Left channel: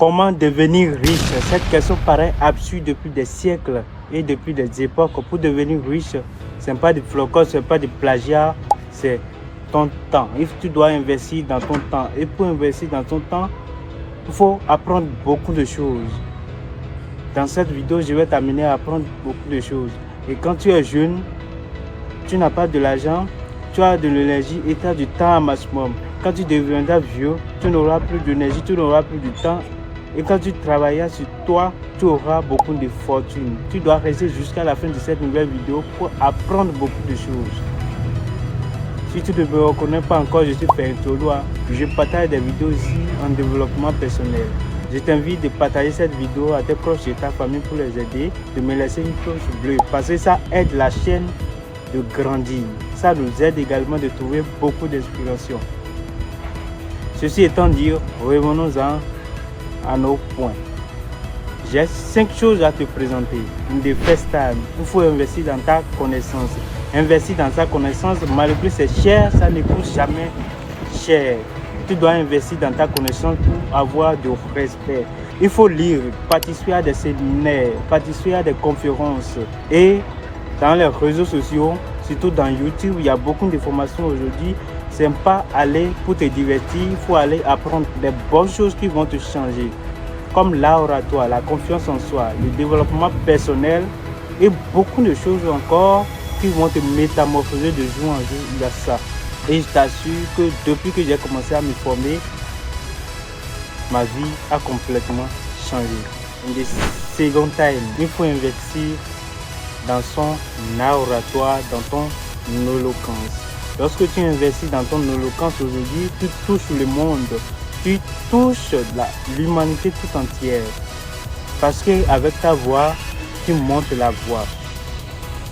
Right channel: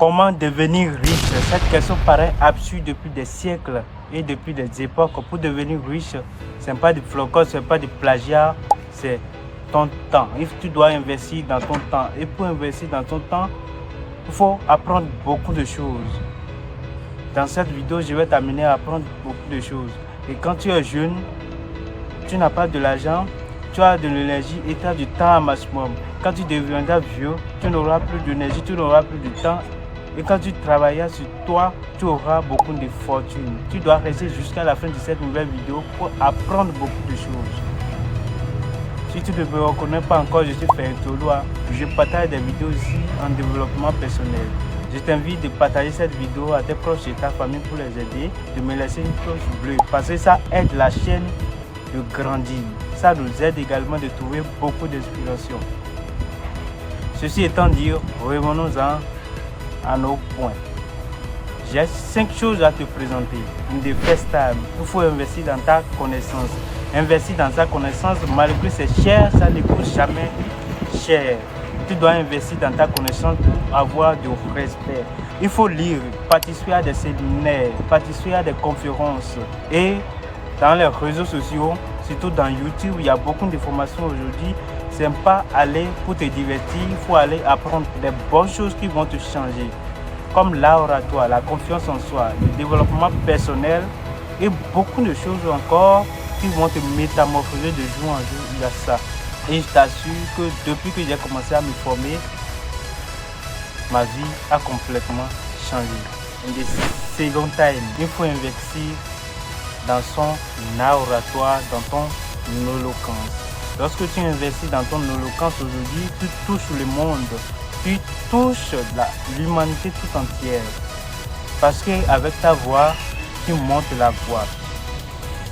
Comment devenir riche? Cette question paraît absurde depuis des siècles et depuis des époques. Pour devenir riche, ce n'est pas du flocon, ce n'est pas du plagiat, c'est ton temps. Tu dois investir dans ton temps. Et pour investir dans ton temps, il faut apprendre beaucoup de choses. Dans cette vidéo, je vais t'amener à apprendre beaucoup de choses. Et quand tu es jeune, tu n'as pas de l'argent, tu as de l'énergie et tu as du temps à maximum. Quand tu deviendras vieux, tu n'auras plus d'énergie, tu n'auras plus de temps. Et quand tu travailleras sur toi, tu auras beaucoup de fortune. Tu dois rester jusqu'à la fin de cette nouvelle vidéo pour apprendre beaucoup de choses. Si tu ne me reconnais pas encore, je suis Ferintolo. Je partage des vidéos ici en développement personnel. Je t'invite de partager cette vidéo à tes proches et ta famille pour les aider, de me laisser une cloche bleue parce que ça aide la chaîne de grandir. Ça nous aide également de trouver beaucoup d'inspiration. Ceci étant dit, revenons-en à nos points. J'ai 5 choses à te présenter. The first time, il faut investir dans ta connaissance. Investir dans ta connaissance, malgré que c'est cher, ça ne coûte jamais cher. Tu dois investir dans ta connaissance pour avoir du respect. Il faut lire, participer à des séminaires, participer à des conférences. Et dans les réseaux sociaux, surtout dans YouTube, il y a beaucoup d'informations aujourd'hui. Ce n'est pas aller pour te divertir, il faut aller apprendre des bonnes choses qui vont te changer. Comme l'oratoire, la confiance en soi, le développement personnel et beaucoup de choses encore qui vont te métamorphoser de jour en jour. Il y a ça. Et je t'assure que depuis que j'ai commencé à me former, ma vie a complètement changé. In the second time, il faut investir dans son oratoire, dans ton éloquence. Lorsque tu investis dans ton éloquence aujourd'hui, tu touches le monde, tu touches l'humanité tout entière. Parce qu'avec ta voix, tu montes la voix.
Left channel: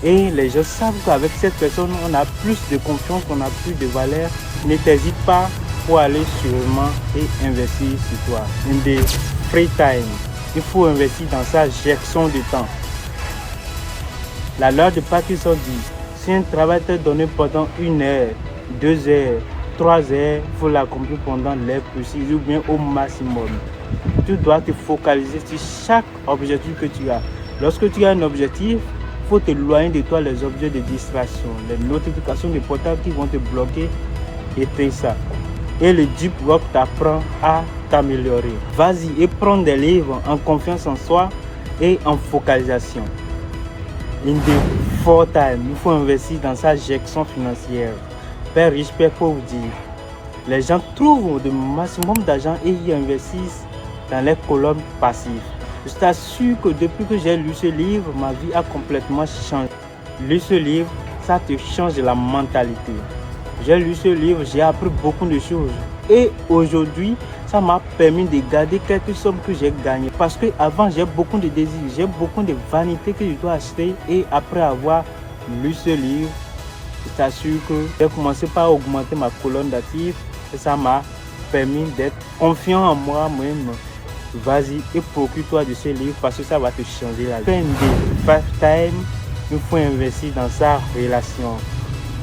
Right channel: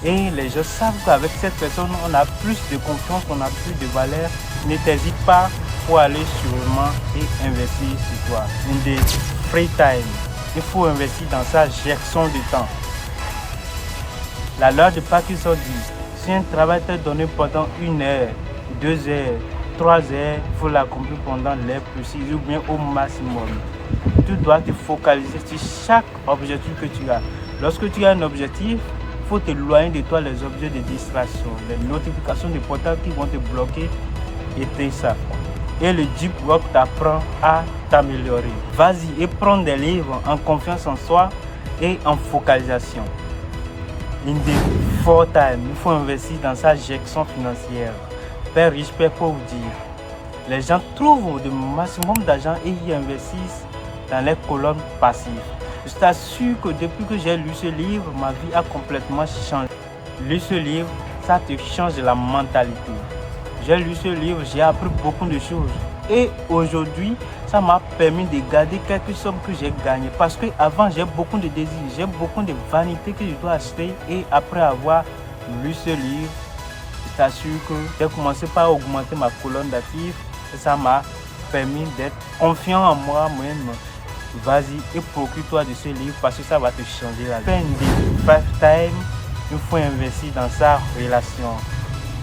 Et les gens savent qu'avec cette personne, on a plus de confiance, on a plus de valeur. Ne t'hésite pas pour aller sûrement et investir sur toi. In the free time, il faut investir dans sa gestion de temps. La loi de Parkinson dit, si un travail t'est donné pendant 1 heure, 2 heures, 3 heures, il faut l'accomplir pendant l'heure précise ou bien au maximum. Tu dois te focaliser sur chaque objectif que tu as. Lorsque tu as un objectif, il faut t'éloigner de toi les objets de distraction, les notifications de portable qui vont te bloquer, éteins ça. Et le deep work t'apprend à t'améliorer. Vas-y et prends des livres en confiance en soi et en focalisation. In the fourth time, il faut investir dans sa gestion financière. Père riche, père pauvre dire. Les gens trouvent le maximum d'argent et y investissent dans les colonnes passives. Je t'assure que depuis que j'ai lu ce livre, ma vie a complètement changé. Lire ce livre, ça te change la mentalité. J'ai lu ce livre, j'ai appris beaucoup de choses. Et aujourd'hui, ça m'a permis de garder quelques sommes que j'ai gagnées. Parce qu'avant, j'ai beaucoup de désirs, j'ai beaucoup de vanité que je dois acheter. Et après avoir lu ce livre, je t'assure que j'ai commencé par augmenter ma colonne d'actifs. Et ça m'a permis d'être confiant en moi-même. Vas-y et procure-toi de ce livre parce que ça va te changer la vie. Fin de part-time, il faut investir dans sa relation.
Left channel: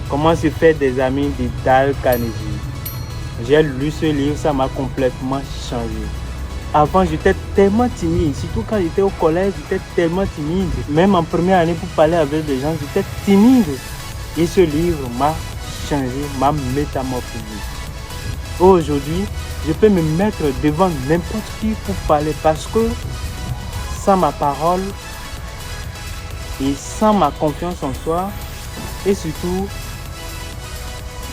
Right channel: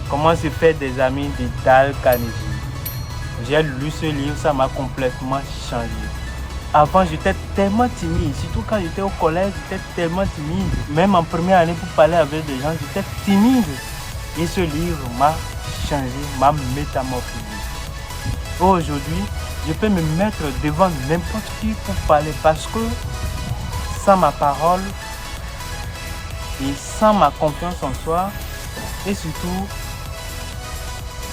Comment se faire des amis de Dale Carnegie. J'ai lu ce livre, ça m'a complètement changé. Avant, j'étais tellement timide, surtout quand j'étais au collège, j'étais tellement timide. Même en première année, pour parler avec des gens, j'étais timide. Et ce livre m'a changé, m'a métamorphosé. Aujourd'hui, je peux me mettre devant n'importe qui pour parler parce que sans ma parole et sans ma confiance en soi et surtout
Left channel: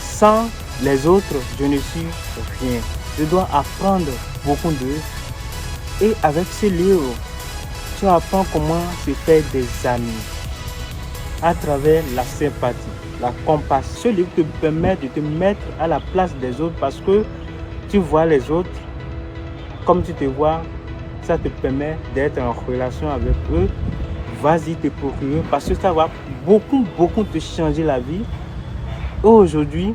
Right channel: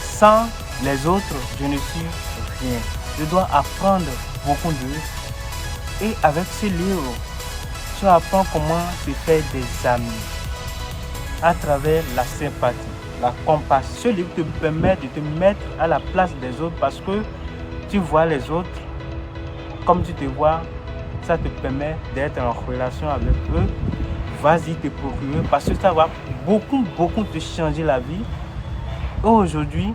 sans les autres, je ne suis rien. Je dois apprendre beaucoup d'eux. Et avec ce livre, tu apprends comment se faire des amis à travers la sympathie, la compassion. Ce livre te permet de te mettre à la place des autres parce que tu vois les autres comme tu te vois. Ça te permet d'être en relation avec eux. Vas-y te procurer parce que ça va beaucoup te changer la vie. Et aujourd'hui,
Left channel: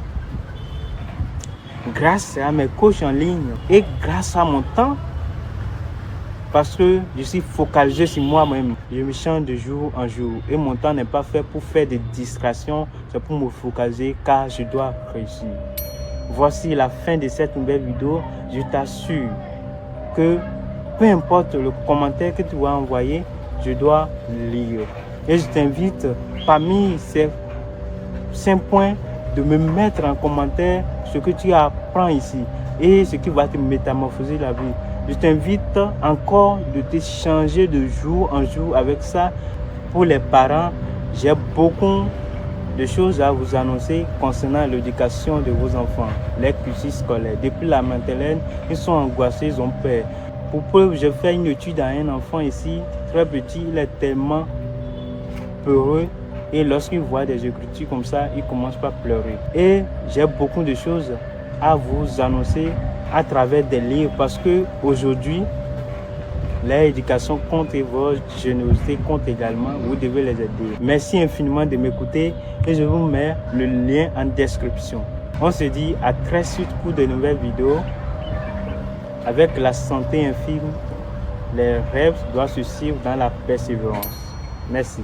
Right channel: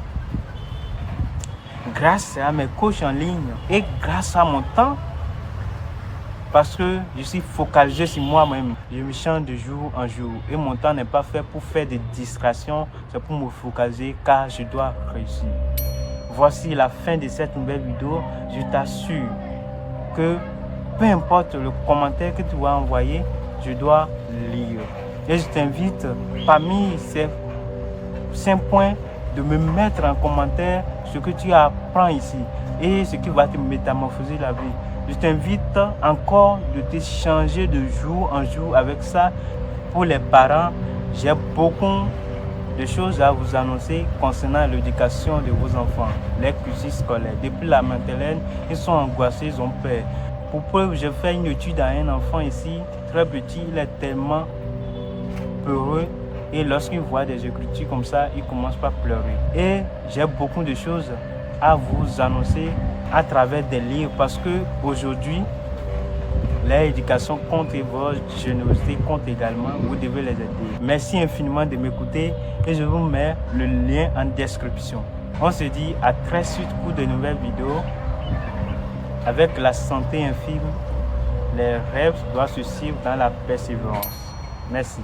grâce à mes coachs en ligne et grâce à mon temps, parce que je suis focalisé sur moi-même, je me change de jour en jour et mon temps n'est pas fait pour faire des distractions, c'est pour me focaliser car je dois réussir. Voici la fin de cette nouvelle vidéo. Je t'assure que peu importe le commentaire que tu vas envoyer, je dois lire. Et je t'invite parmi ces 5 points de me mettre en commentaire ce que tu apprends ici et ce qui va te métamorphoser la vie. Je t'invite encore de t'échanger de jour en jour avec ça. Pour les parents, j'ai beaucoup de choses à vous annoncer concernant l'éducation de vos enfants, les cursus scolaires. Depuis la maternelle, ils sont angoissés, ils ont peur. Pour preuve, j'ai fait une étude à un enfant ici, très petit, il est tellement peureux. Et lorsqu'il voit des écritures comme ça, il commence par pleurer. Et j'ai beaucoup de choses à vous annoncer à travers des livres parce que aujourd'hui, l'éducation compte et votre générosité compte également. Vous devez les aider. Merci infiniment de m'écouter et je vous mets le lien en description. On se dit à très suite pour de nouvelles vidéos. Avec la santé infime, les rêves doivent se suivre dans la persévérance. Merci.